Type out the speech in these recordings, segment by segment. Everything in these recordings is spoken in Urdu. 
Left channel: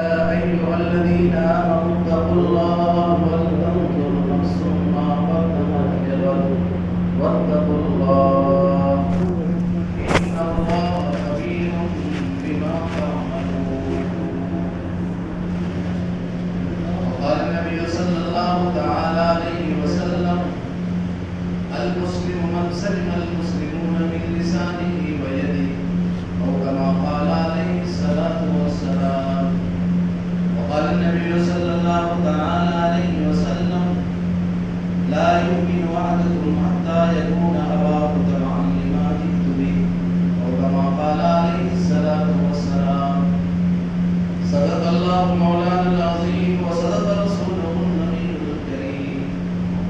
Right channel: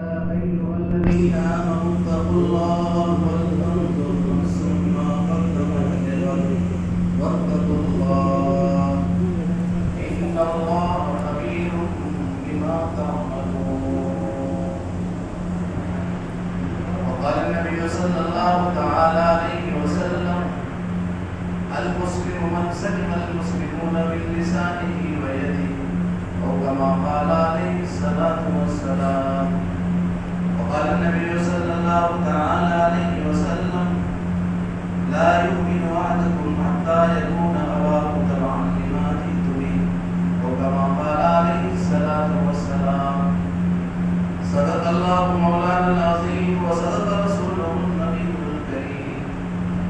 أيها الذين آمنوا اتقوا الله ولتنظر نفس ما قدمت لغد واتقوا الله إن الله خبير بما تعملون. وقال النبي صلى الله تعالى عليه وسلم: المسلم من سلم المسلمون من لسانه ويده، أو كما قال عليه الصلاة والسلام. وقال النبي صلى الله تعالى عليه وسلم: لا يؤمن أحدكم حتى يكون هواه تبعا لما جئت به، أو كما قال عليه الصلاة والسلام. صدق الله مولانا العظيم وصدق رسوله النبي الكريم،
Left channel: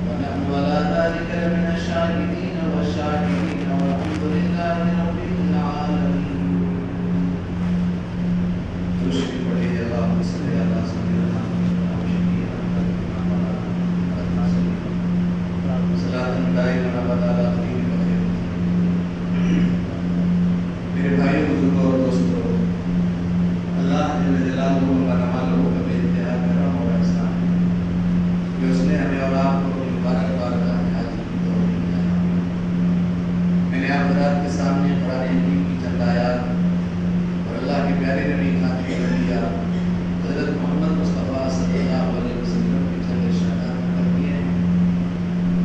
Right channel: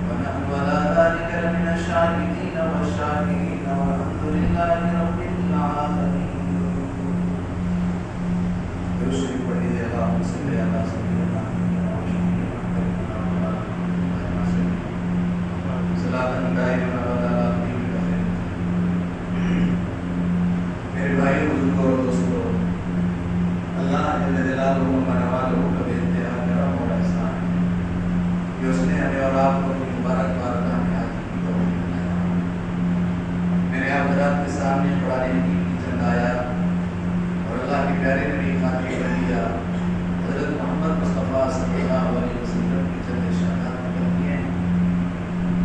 ونحن على ذلك من الشاهدين والشاكرين، والحمد لله رب العالمين. میرے بھائیوں بزرگوں اور دوستوں، اللہ جل جلالہ بننے والوں کا بے انتہا کرم اور احسان ہے کہ اس نے ہمیں اور آپ کو اپنی مبارک بارگاہ میں حاضر کی توفیق بنایا. میں نے آپ حضرات کے سامنے قرآن حکیم کی چند آیات اور اللہ کے پیارے نبی خاتم الانبیاء حضرت محمد مصطفیٰ صلی اللہ علیہ وسلم کی چند ارشادات نقل کیے ہیں.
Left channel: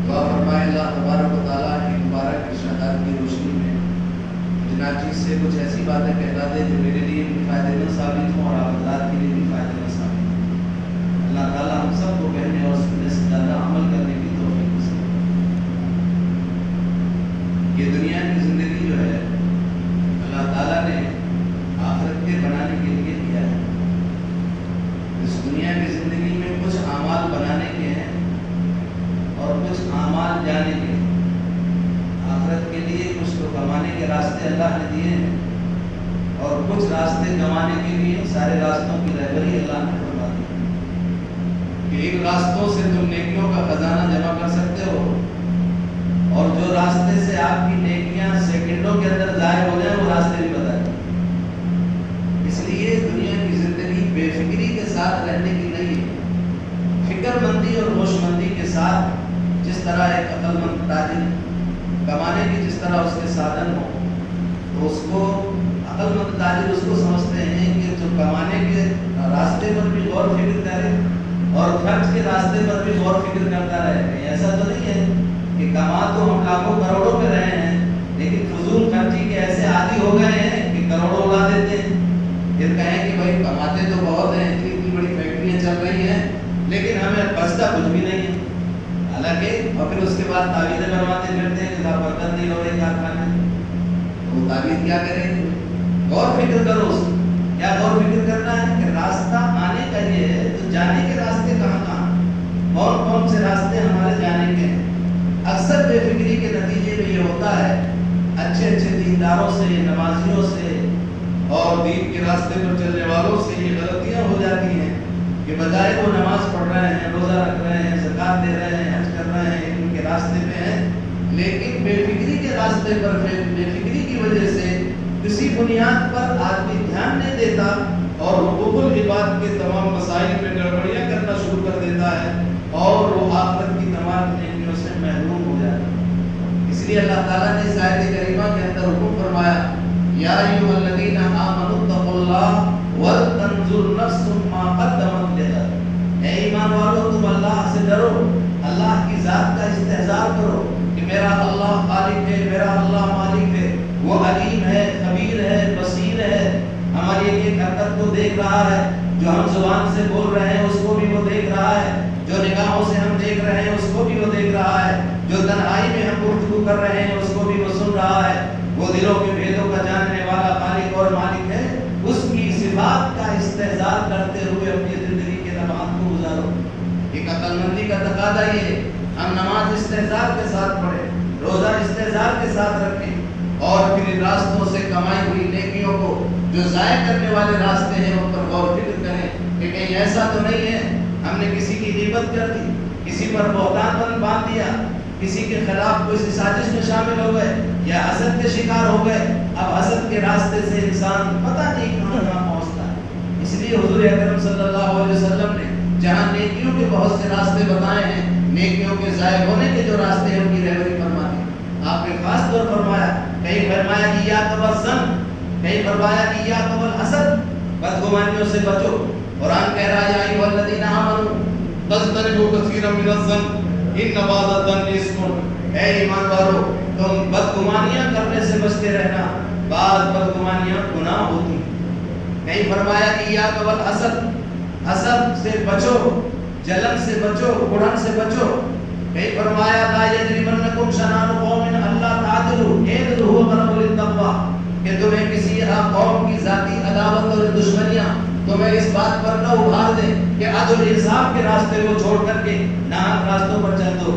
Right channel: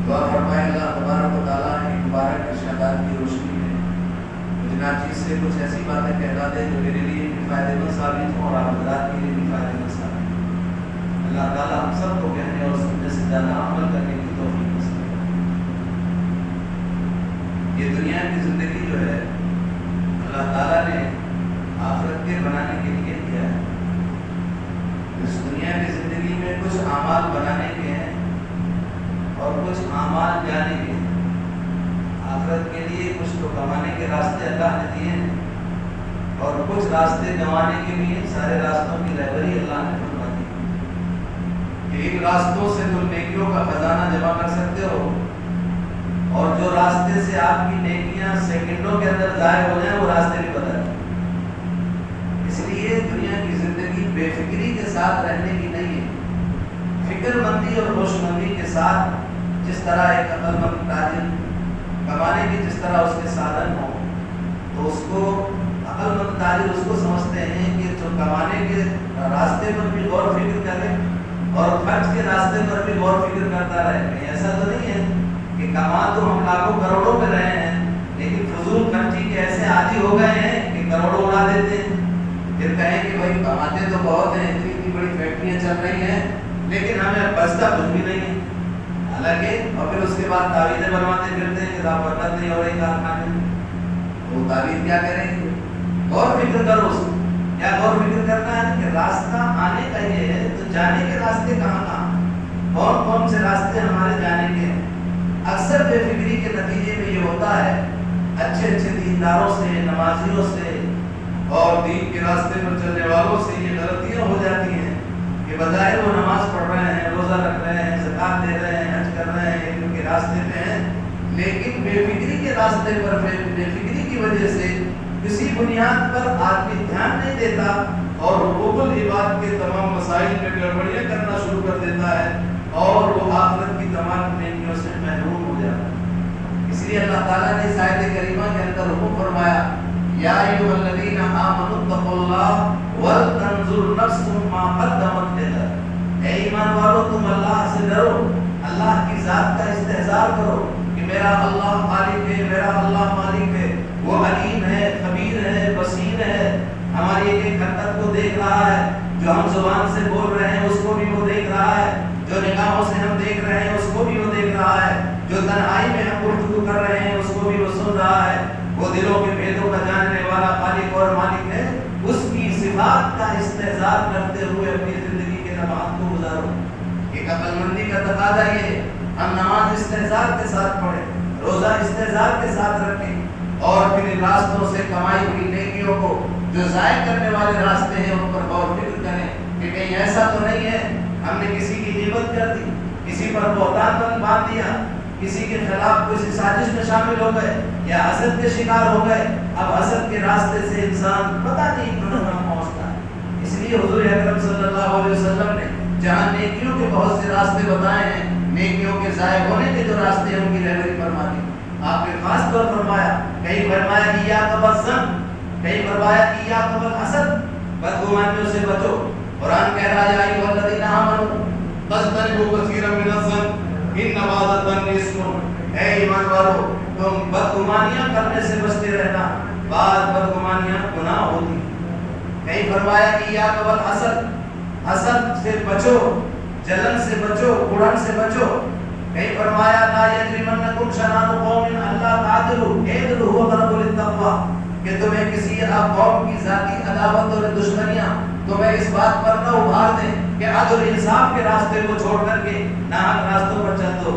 دعا فرمائے اللہ تبارک و تعالیٰ کی مبارک ارشادات کی روشنی میں جنا چیز سے کچھ ایسی باتیں کہتا دے جو میرے لیے بھی فائدے مند ثابت ہوں اور آپ حضرات کے لیے بھی فائدے مند ثابت ہوں. اللہ تعالیٰ ہم سب کو کہنے اور سننے سے زیادہ عمل کرنے کی توفیق نصیب فرمائے. یہ دنیا کی زندگی جو ہے اللہ تعالیٰ نے آخرت کے بنانے کے لیے کیا ہے. اس دنیا کی زندگی میں کچھ اعمال بنانے کے ہیں اور کچھ اعمال جانے کے ہیں. آخرت کے لیے کچھ تو کمانے کے راستے اللہ نے دیے ہیں اور کچھ راستے کمانے کے لیے سارے راستوں کی رہبری اللہ نے فرما دی کہ ان راستوں سے تم نیکیوں کا خزانہ جمع کر سکتے ہو اور جو راستے سے آپ کی نیکیاں سیکنڈوں کے اندر ضائع ہو جائیں وہ راستے بھی بتا دیں. اس لیے دنیا کی زندگی بے فکری کے ساتھ رہنے کی نہیں ہے. فکر مندی اور ہوش مندی کے ساتھ جس طرح ایک عقل مند تاجر کمانے کی جس طرح اس کے سادھن ہو تو اس کو عقل مند تاجر اس کو سمجھتے ہیں کہ جو کمانے کے راستے پر بھی غور و فکر کرے اور خرچ کے راستے پر بھی غور و فکر کرتا رہے. ایسا تو نہیں ہے کہ کما تو ہم لاکھوں کروڑوں میں رہے ہیں لیکن فضول خرچی کے ایسے عادی ہو گئے ہیں کہ کروڑوں اڑا دیتے ہیں. پھر کہیں کہ بھائی کماتے تو بہت ہیں، اتنی بڑی فیکٹریاں چل رہی ہیں لیکن ہمیں بچتا کچھ بھی نہیں ہے. حالانکہ اور پھر اس کے بعد تعویذیں بنواتے پھرتے ہیں کہ برکت نہیں ہو رہی کارخانے میں. وہ تعویذ کیا کریں گے؟ غور فکر کرو. اس کیا غور فکر کرنا ہے کہ راستہ آنے کا یہ ہے تو جانے کے راستے کہاں کون کون سے راستے ہمارے جانے کے ہیں. اکثر بے فکری کے نتیجے میں یہ ہوتا ہے اچھے اچھے دینداروں سے، نمازیوں سے اور دین کے راستے پر چلنے والوں سے یہ غلطیاں ہو جاتی ہیں کہ بظاہر وہ نماز پڑھ رہے ہیں، روزہ رکھ رہے ہیں، زکات دے رہے ہیں، حج کر رہے ہیں، ان کے راستے پہ ہیں لیکن بے فکری کے راستے پر بے فکری کی وجہ سے کسی بنیاد پر آدمی دھیان نہیں دیتا اور حقوق العباد کے تمام مسائل پہ گڑبڑیاں کرنا شروع کر دیتا ہے اور وہ آخرت کی تمام نیکیوں سے محروم ہو جاتا ہے. اس لیے اللہ تعالیٰ نے اس آیت کریمہ کے اندر حکم فرمایا: یا ایھا الذین آمنوا اتقوا اللہ ولتنظر نفس ما قدمت لغد. اے ایمان والو تم اللہ سے ڈرو، اللہ کی ذات کا استحضار کرو کہ میرا اللہ خالق ہے، میرا اللہ مالک ہے، وہ علیم ہے، خبیر ہے، بصیر ہے، ہماری ایک ایک حرکت کو دیکھ رہا ہے. جو ہم زبان سے بول رہے ہیں اس کو بھی وہ دیکھ رہا ہے، جو نگاہوں سے ہم دیکھ رہے ہیں اس کو بھی وہ دیکھ رہا ہے، جو تنہائی میں ہم گفتگو کر رہے ہیں اس کو بھی وہ سن رہا ہے. وہ دلوں کے بھیدوں کا جاننے والا خالق اور مالک ہے. اس کی صفات کا استحضار کرتے ہوئے اپنی زندگی کے لمحات کو گزارو. ایک عقل مندی کا تقاضا یہ ہم نماز استحضار کے ساتھ پڑھیں، روزہ استحضار کے ساتھ رکھیں اور پھر ان راستوں سے کمائی ہوئی نیکیوں کو جو ضائع کرنے والے راستے ہیں ان پر غور فکر کریں کہ کہیں ایسا تو نہیں ہے ہم نے کسی کی غیبت کر دی، کسی پر بہتان باندھ دیا، کسی کے خلاف کسی سازش میں شامل ہو گئے یا حسد کے شکار ہو گئے. اب حسد کے راستے سے انسان پتہ نہیں کہاں پہنچتا. اس لیے لیے حضور اکرم صلی اللہ علیہ وسلم نے جہاں نیکیوں کے بہت سے راستے بتائے ہیں، نیکیوں کے ضائع ہونے کے جو راستے ہیں ان کی رہبری فرما دی۔ آپ نے خاص طور فرمایا، کہیں فرمایا ایاک والظن، کہیں فرمایا ایاک والحسد، بدگمانیوں سے بچو۔ قرآن کہہ رہا ہے یا ایھا الذین آمنوا فاجتنبوا کثیرا من الظن ان بعض الظن اثم، اے ایمان والو تم بدگمانیاں کرنے سے بچتے رہنا، بعض بدگمانیاں گناہ ہوتی۔ کہیں فرمایا ایاک والحسد، حسد سے بچو، جلن سے بچو، اڑن سے بچو۔ کہیں فرمایا لا یجرمنکم شنآن قوم الا تعدلوا اعدلوا هو اقرب للتقوی، کہ تمہیں کسی قوم کی ذاتی عداوت اور دشمنیاں تمہیں اس بات پر نہ ابھار دیں کہ عدل انصاف کے راستے کو چھوڑ کر کے ناحق راستوں پر چل دو،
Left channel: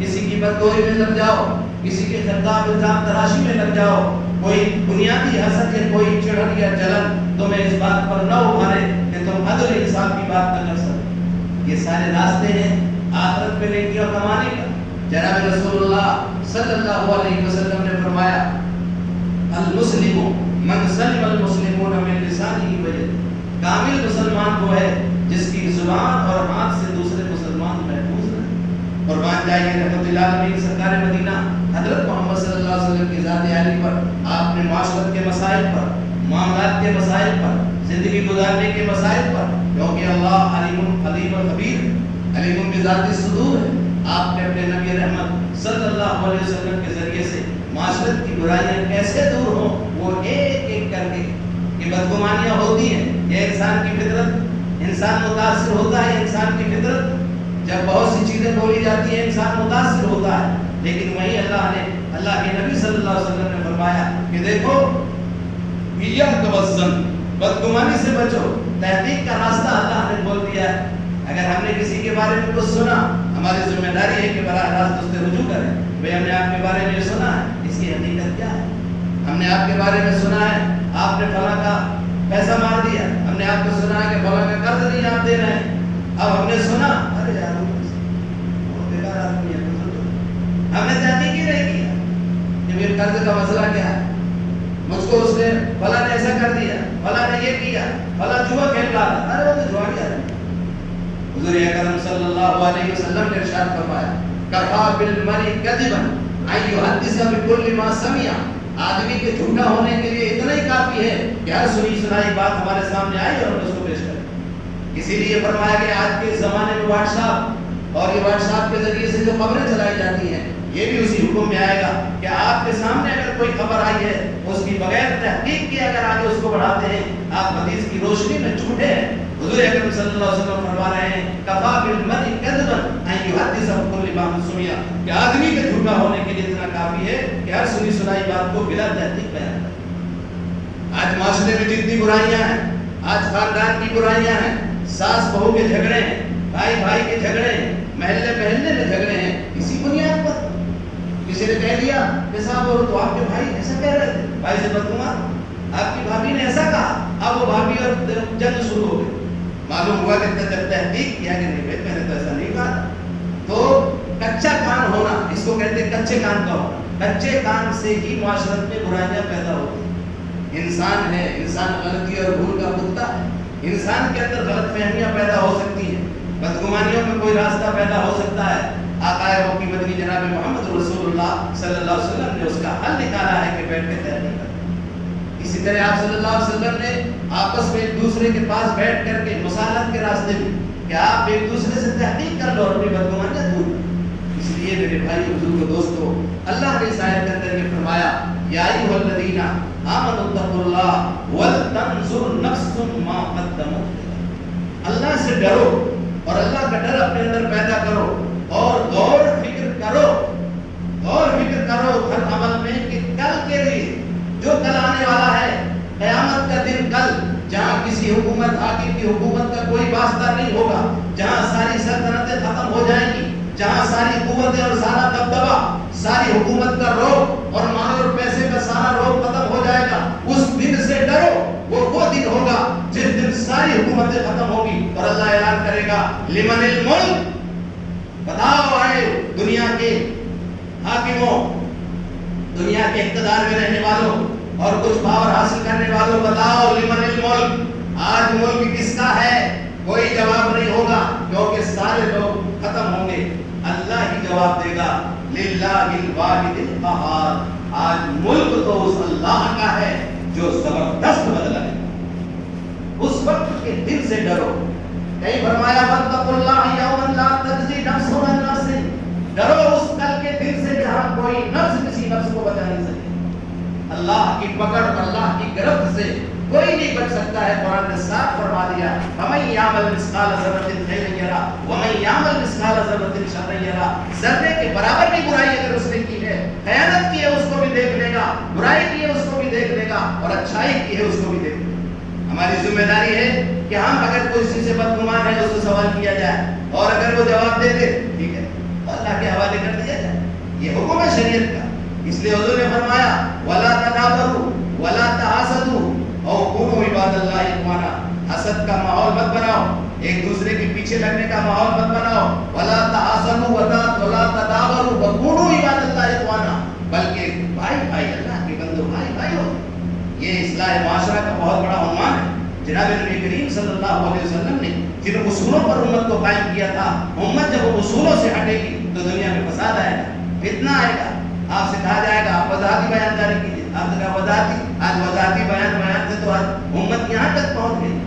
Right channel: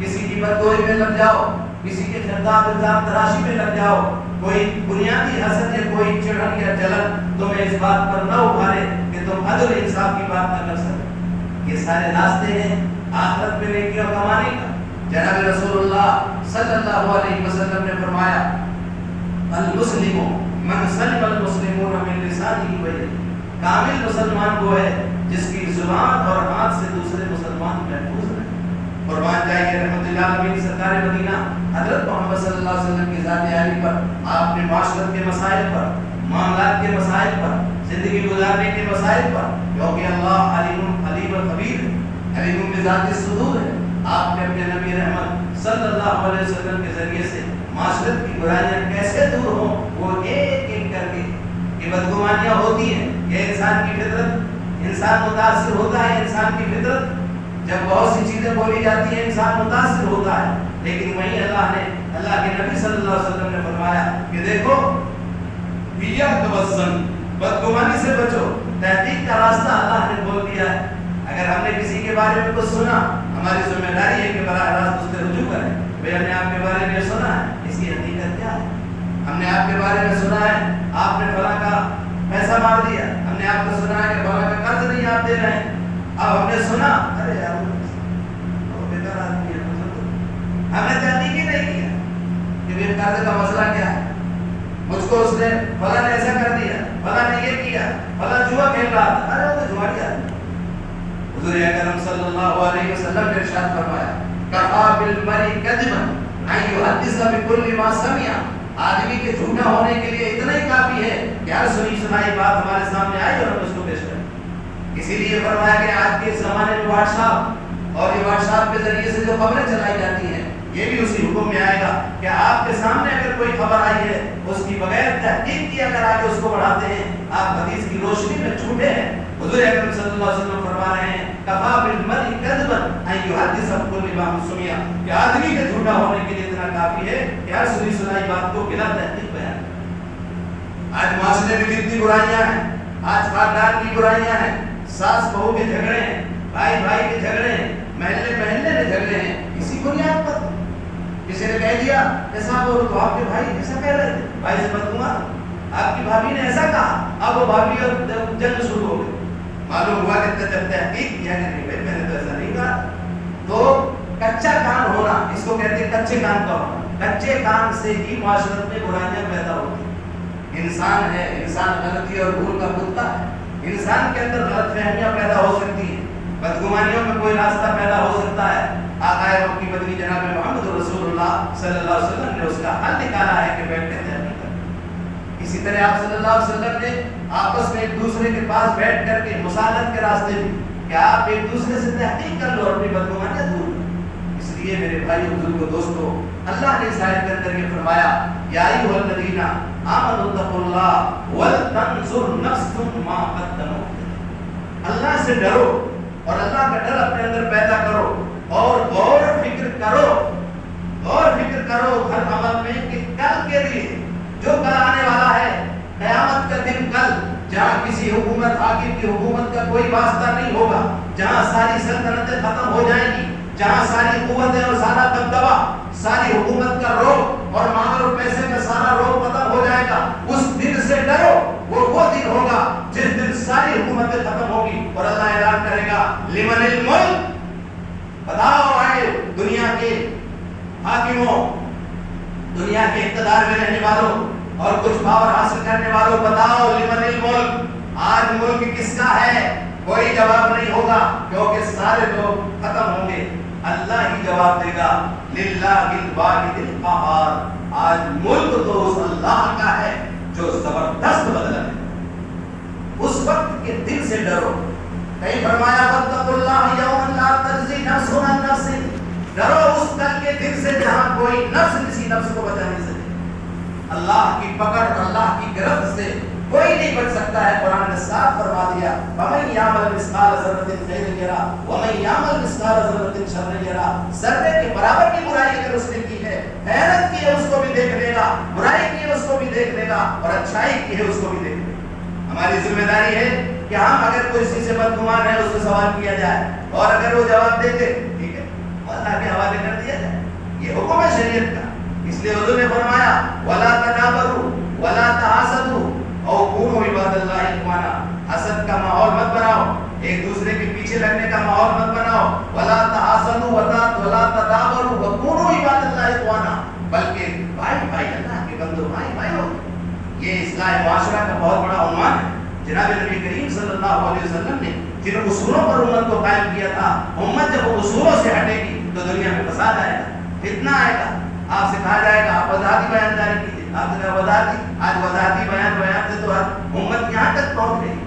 کسی کی بدگوئی میں لگ جاؤ، کسی کے خطاب الزام تراشی میں لگ جاؤ، کوئی بنیادی حسد یا کوئی چڑھن یا جلن تمہیں اس بات پر نہ ابھارے کہ تم عدل انصاف کی بات نہ کر سکتے۔ یہ سارے راستے ہیں آخرت میں نیکیاں کمانے کا۔ جناب رسول اللہ صلی اللہ علیہ وسلم نے فرمایا المسلم من سلم المسلمون من لسانه ویده، کامل مسلمان وہ ہے جس کی زبان اور ہاتھ سے دوسرے مسلمان محفوظ رہے۔ قربان جائیے رحمت اللہ علیہ سرکار مدینہ حضرت محمد صلی اللہ علیہ وسلم کی ذات عالی پر آپ نے معاشرت کے مسائل پر، معاملات کے مسائل پر، زندگی گزارنے کے مسائل پر، کیونکہ اللہ علیم خبیر علیم بذات الصدور ہے، آپ نے اپنے نبی رحمت صلی اللہ علیہ وسلم کے ذریعے سے معاشرت کی برائیاں کیسے دور ہوں وہ ایک ایک کر کے، یہ بدگمانیاں ہوتی ہیں، یہ انسان کی فطرت، انسان متاثر ہوتا ہے، انسان کی فطرت جب بہت سی چیزیں بولی جاتی ہیں انسان متاثر ہوتا ہے، لیکن وہیں اللہ کے نبی صلی اللہ علیہ وسلم نے فرمایا کہ دیکھو ایاک والظن، بدگمانی سے بچو۔ تحقیق کا راستہ اللہ نے کھول دیا ہے۔ اگر ہم نے کسی کے بارے میں کچھ سنا، ہماری ذمہ داری ہے کہ براہ راست اس سے رجوع کریں، بھئی ہم نے آپ کے بارے میں سنا ہے، اس کی حقیقت کیا ہے؟ ہم نے آپ کے بارے میں سنا ہے آپ نے فلاں کا پیسہ مار دیا، ہم نے آپ کو سنا ہے کہ فلاں کا قرض نہیں آپ دے رہے ہیں، اب ہم نے سنا ارے یار وہ بیکار آدمی ہے، ہم نے تحقیق ہی نہیں کیا کہ میرے قرض کا مسئلہ کیا ہے، مجھ کو اس نے فلاں نے ایسا کر دیا، فلاں نے یہ کیا، فلاں جوا کھیل رہا تھا، ارے وہ تو جواری آدمی۔ حضور اکرم صلی اللہ علیہ وسلم نے ارشاد فرمایا کفا بالمرء کذبا ان یحدث بكل ما سمع، آدمی کے جھوٹا ہونے کے لیے اتنا ہی کافی ہے کہ ہر سنی سنائی بات ہمارے سامنے آئی اور ہم اس کو پیش کریں۔ اسی لیے فرمایا کہ آج کے زمانے میں واٹس ایپ اور یہ واٹس ایپ کے ذریعے سے جو خبریں چلائی جاتی ہیں یہ بھی اسی حکم میں آئے گا کہ آپ کے سامنے اگر کوئی خبر آئی ہے اس کی بغیر تحقیق کی اگر آگے اس کو بڑھاتے ہیں آپ حدیث کی روشنی میں جھوٹے ہیں۔ حضور اکرم صلی اللہ علیہ وسلم فرما رہے ہیں کفا بالمرء کذبا ان یحدث بكل ما سمع، کہ آدمی کے جھوٹا ہونے کے لیے اتنا کافی ہے کہ ہر سنی سنائی بات کو بلا تحقیق بیان کرے۔ آج معاشرے میں جتنی برائیاں ہیں، آج خاندان کی برائیاں ہیں، ساس بہو کے جھگڑے ہیں، بھائی بھائی کے جھگڑے ہیں، محلے محلے میں جھگڑے ہیں، اسی بنیاد پر کسی نے کہہ دیا کہ صاحب وہ تو آپ کے بھائی ایسا کہہ رہے تھے، بھائی سے بدگمان، آپ کی بھابھی نے ایسا کہا، اب وہ بھابھی اور جنگ شروع ہو گئی۔ معلوم ہوا کہ جب تحقیق کیا کہ نہیں میں نے تو ایسا نہیں کہا، تو کچا کان ہونا، اس کو کہتے ہیں کچے کان کا ہونا، کچے کان سے ہی معاشرت میں برائیاں پیدا ہوتی ہیں۔ انسان ہے، انسان غلطی اور بھول کا کتا ہے، انسان کے اندر غلط فہمیاں پیدا ہو سکتی ہیں، بدگمانیوں میں کوئی راستہ پیدا ہو سکتا ہے۔ آقا وقت کی مدنی جناب محمد رسول اللہ صلی اللہ علیہ وسلم نے اس کا حل نکالا ہے کہ بیٹھ کے طے کر۔ اسی طرح آپ صلی اللہ علیہ وسلم نے آپس میں ایک دوسرے کے پاس بیٹھ کر کے مصالحت کے راستے میں کہ آپ ایک دوسرے سے تحقیق کر لو اور اپنی بدگمانیاں دور کرو۔ اس لیے میرے بھائی بزرگوں دوستو، اللہ نے اس آیت کے اندر یہ فرمایا یا ایھا الذین آمنوا اتقوا اللہ ولتنظر نفس ما قدمت، اللہ سے ڈرو اور اللہ کا ڈر اپنے اندر پیدا کرو اور غور فکر کرو ہر عمل میں کہ کل کے لیے جو کل آنے والا ہے، قیامت کا دن کل، جہاں کسی حکومت حاکم کی حکومت کا کوئی واسطہ نہیں ہوگا، جہاں ساری سلطنتیں ختم ہو جائیں گی، جہاں ساری قوتیں اور سارا دبدبہ، ساری حکومت کا روب اور مال اور پیسے میں سارا روب ختم ہو جائے گا، اس دن سے ڈرو۔ وہ دن ہوگا جس دن ساری حکومتیں ختم ہوگی اور اللہ اعلان کرے گا لمن الملک، بتاؤ آئے دنیا کے حاکموں، دنیا کے اقتدار میں رہنے والوں اور کچھ پاور حاصل کرنے والوں، بتاؤ لمن الملک، آج ملک کس کا ہے؟ کوئی جواب نہیں ہوگا، کیونکہ سارے لوگ ختم ہوں گے، اللہ ہی جواب دے گا، للہ الواحد القہار۔ آج ملک تو اس اللہ کا ہے جو زبردست بدلہ ہے۔ اس وقت کے دل سے ڈرو۔ کہیں فرمایا واتقوا اللہ یوما لا تجزی نفس عن نفس، ڈرو اس کل کے دن سے جہاں کوئی نفس کسی نفس کو بچا نہیں سکے۔ اللہ کی پکڑ، اللہ کی گرفت سے کوئی نہیں بچ سکتا ہے۔ قرآن نے صاف فرما دیا، وَمَن يَعْمَلْ مِثْقَالَ ذَرَّةٍ خَيْرًا يَرَهُ وَمَن يَعْمَلْ مِثْقَالَ ذَرَّةٍ شَرًّا يَرَهُ۔ ذرے کے برابر بھی برائی اگر اس نے کی ہے، خیانت کی ہے، اس کو بھی دیکھ لے گا، برائی کی ہے اس کو بھی دیکھ لے گا، اور اچھائی کی ہے اس کو بھی دیکھ لے گا۔ ہماری ذمہ داری ہے کہ ہم اگر کوئی چیز سے بدگمان ہے اس سے سوال کیا جائے، اور اگر وہ جواب دے دے ٹھیک ہے اللہ کے حوالے کر دیا جائے۔ یہ حکم ہے شریعت کا۔ اس لیے حضور نے فرمایا وَلَا تَنَابَرُوا وَلَا تَحَاسَدُوا او کونوا عباد اللہ اخوانا۔ حسد کا ماحول مت بناؤ، ایک دوسرے کے پیچھے لگنے کا ماحول مت بناؤ۔ ولا تحاسدوا ولا تدابروا وکونوا عباد اللہ اخوانا، بلکہ بھائی بھائی اللہ کے بندو بھائی بھائی ہو۔ یہ اصلاح معاشرہ کا بہت بڑا عنوان ہے۔ جناب نبی کریم صلی اللہ علیہ وسلم نے جن اصولوں پر امت کو قائم کیا تھا، امت جب وہ اصولوں سے ہٹے گی تو دنیا میں فساد آئے گا، فتنہ آئے گا۔ آپ سے کہا جائے گا آپ وضاحتی بیان جاری کیجیے، آپ سے کہا وضاحتی، آج وضاحتی بیان سے تو آج امت یہاں تک پہنچ گئی۔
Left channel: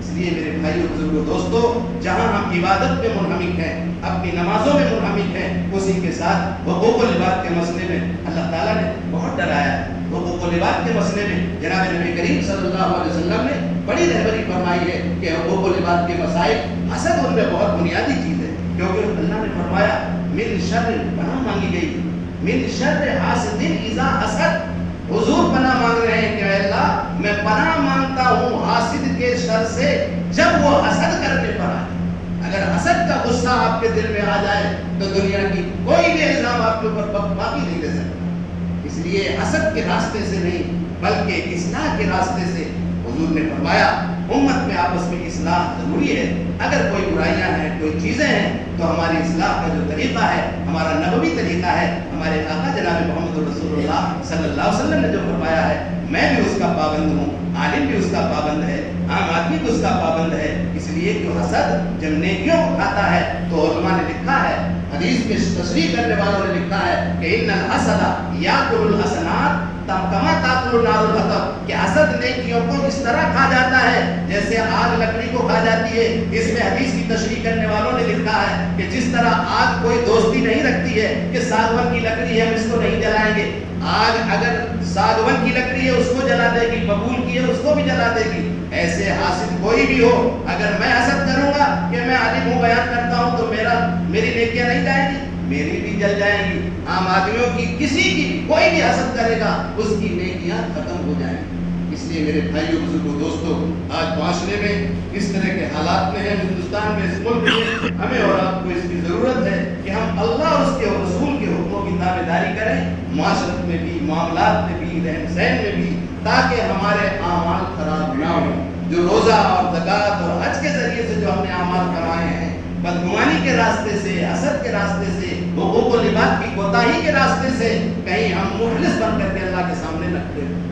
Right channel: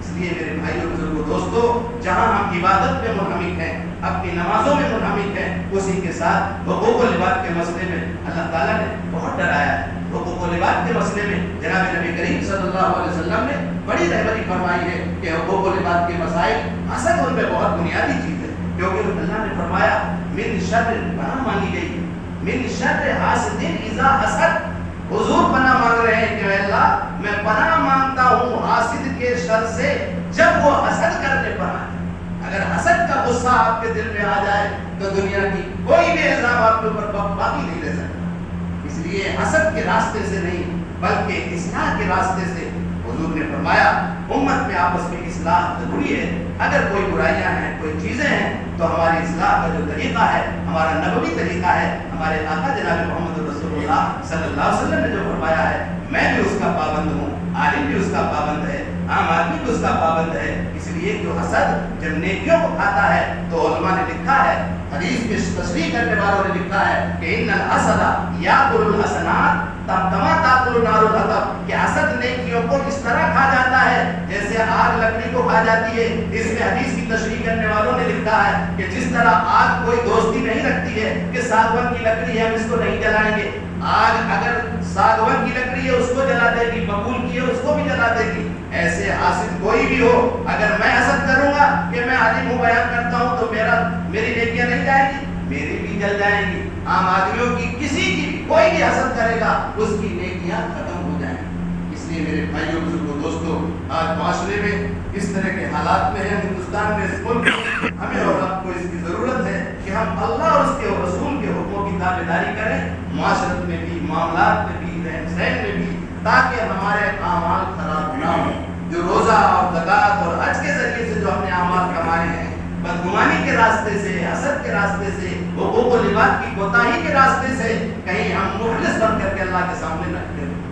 اس لیے میرے بھائیوں بزرگوں دوستو، جہاں ہم عبادت میں منہمک ہیں، اپنی نمازوں میں منہمک ہیں، اسی کے ساتھ حقوق و لباس کے مسئلے میں اللہ تعالیٰ نے بہت ڈرایا ہے۔ حقوق و لباس کے مسئلے میں جناب نبی کریم صلی اللہ علیہ وسلم نے بڑی رہبری فرمائی ہے کہ حقوق و لباس کے مسائل، حسد ان میں بہت بنیادی چیز ہے، کیونکہ اللہ نے فرمایا من شر، پناہ مانگی گئی من شر حاسد اذا حسد۔ حضور پناہ مانگ رہے ہیں کہ اے اللہ میں پناہ مانگتا ہوں حاسد کے شر سے جب وہ حسد کرنے پر آئے۔ اگر حسد کا غصہ آپ کے دل میں آ جائے تو دنیا کی کوئی بھی الزام آپ کے اوپر باقی نہیں لے سکتا۔ اس لیے حسد کے راستے سے نہیں بلکہ اصلاح کے راستے سے حضور نے فرمایا امت میں آپس میں اصلاح ضروری ہے۔ اگر کوئی برائیاں ہیں، کوئی چیزیں ہیں، تو ہماری اصلاح کا جو طریقہ ہے ہمارا نبوی طریقہ ہے، ہمارے آقا جناب محمد رسول اللہ صلی اللہ علیہ وسلم نے جو فرمایا ہے میں بھی اس کا پابند ہوں، عالم بھی اس کا پابند ہے، عام آدمی بھی اس کا پابند ہے۔ اس لیے جو حسد جب نیکیوں کو کھاتا ہے تو علماء نے لکھا ہے، حدیث میں تشریح کرنے والوں نے لکھا ہے کہ ان الحسد یاکل الحسنات کما تاکل النار الحطب، کہ حسد نیکیوں کو اس طرح کھا جاتا ہے جیسے آگ لکڑی کو کھا جاتی ہے۔ اس میں حدیث کی تشریح کرنے والوں نے لکھا ہے کہ جس طرح آگ کوئی دوستی نہیں رکھتی ہے کہ ساگون کی لکڑی ہے ہم اس کو نہیں جلائیں گے، آگ اگر ساگون کی لکڑی ہے اس کو جلا دے گی، ببول کی ہے اس کو بھی جلا دے گی، ایسے حاسد کوئی بھی ہو اگر میں حسد کروں گا کہ میں عالم ہوں بیان کرتا ہوں تو میری نیکیاں نہیں جائیں گی، میری بھی جل جائیں گی۔ عام آدمیوں کی کسی کی کوئی بھی حسد کرے گا اس کی نیکیاں ختم ہو جائیں گی۔ اس لیے میرے بھائیوں بزرگوں دوستوں، آج معاشرے میں اس طرح کے حالات میں ہیں، ہندوستان میں، اس ملک میں، ہمیں اور آپ کو اس کی ضرورت ہے کہ ہم اللہ اور اس کے اور رسول کے حکموں کی تابع داری کریں، معاشرت میں بھی، معاملات میں بھی، رہن سہن میں بھی، تاکہ ہمارے اعمال خراب نہ ہوں۔ جو روزہ اور زکوٰۃ اور حج کے ذریعے سے جو ہم نے اعمال کمائے ہیں، بدگمانی کے راستے سے، حسد کے راستے سے، حقوق و لباس کی کوتاہی کے راستے سے، کہیں ہم مخلص بن کر کے اللہ کے سامنے نہ کھڑے ہوں۔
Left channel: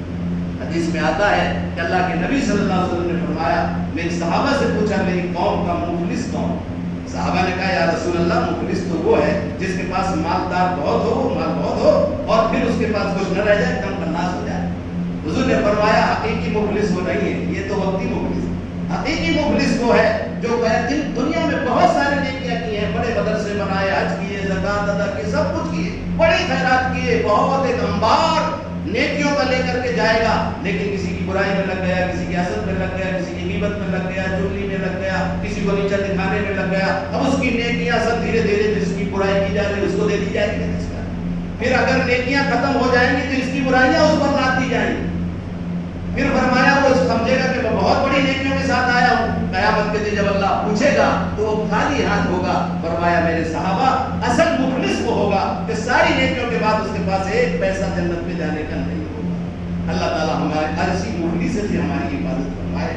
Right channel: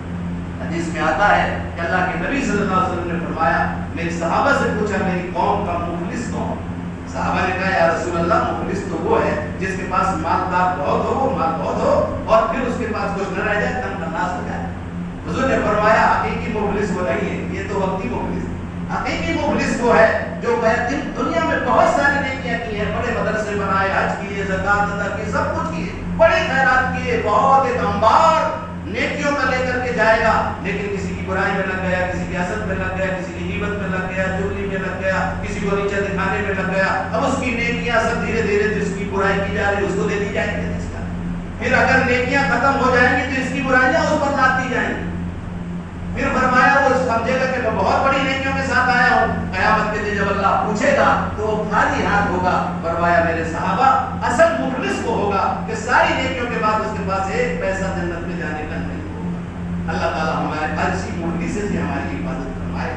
حدیث میں آتا ہے کہ اللہ کے نبی صلی اللہ علیہ وسلم نے فرمایا، میری صحابہ سے پوچھا میری قوم کا مخلص کون؟ صحابہ نے کہا یا رسول اللہ مخلص تو وہ ہے جس کے پاس مالدار بہت ہو، مال بہت ہو، اور پھر اس کے پاس کچھ نہ رہ جائے، دم تناس ہو جائے۔ حضور نے فرمایا حقیقی مخلص وہ نہیں ہے، یہ تو وقتی مخلص ہے۔ حقیقی مخلص وہ ہے جو دنیا میں بہت ساری نیکیاں کی ہیں، بڑے مدرسے بنائے، حج کیے، زکوٰۃ ادا کی، سب کچھ کیے، بڑے خیرات کیے، بہت ایک انبار نیکیوں کا لے کر کے جائے گا، لیکن کسی کی برائی میں لگ گیا، کسی کی حسد میں لگ گیا، کسی کی غیبت میں لگ گیا، چغلی میں لگ گیا، کسی کو نیچا دکھانے میں لگ گیا، اب اس کی نیکیاں سب دھیرے دھیرے جس کی برائی کی جا رہی ہے اس کو دے دی جائیں گی۔ پھر اگر نیکیاں ختم ہو جائیں گی تو اس کی برائیاں اس پر لاتی جائیں گی۔ پھر فرمایا وہ سمجھے گا کہ میں بہت بڑی نیکیوں کے ساتھ آیا ہوں، قیامت کے دن جب اللہ پوچھے گا تو وہ خالی ہاتھ ہوگا۔ فرمایا میرے صحابہ اصل مخلص وہ ہوگا کہ ساری نیکیوں کے بعد اس کے پاس ایک پیسہ جنت میں جانے کا نہیں ہوگا۔ اللہ تعالیٰ ہمارے ہر اسی مخلص سے ہماری حفاظت فرمائے۔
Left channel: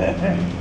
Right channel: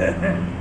آمین.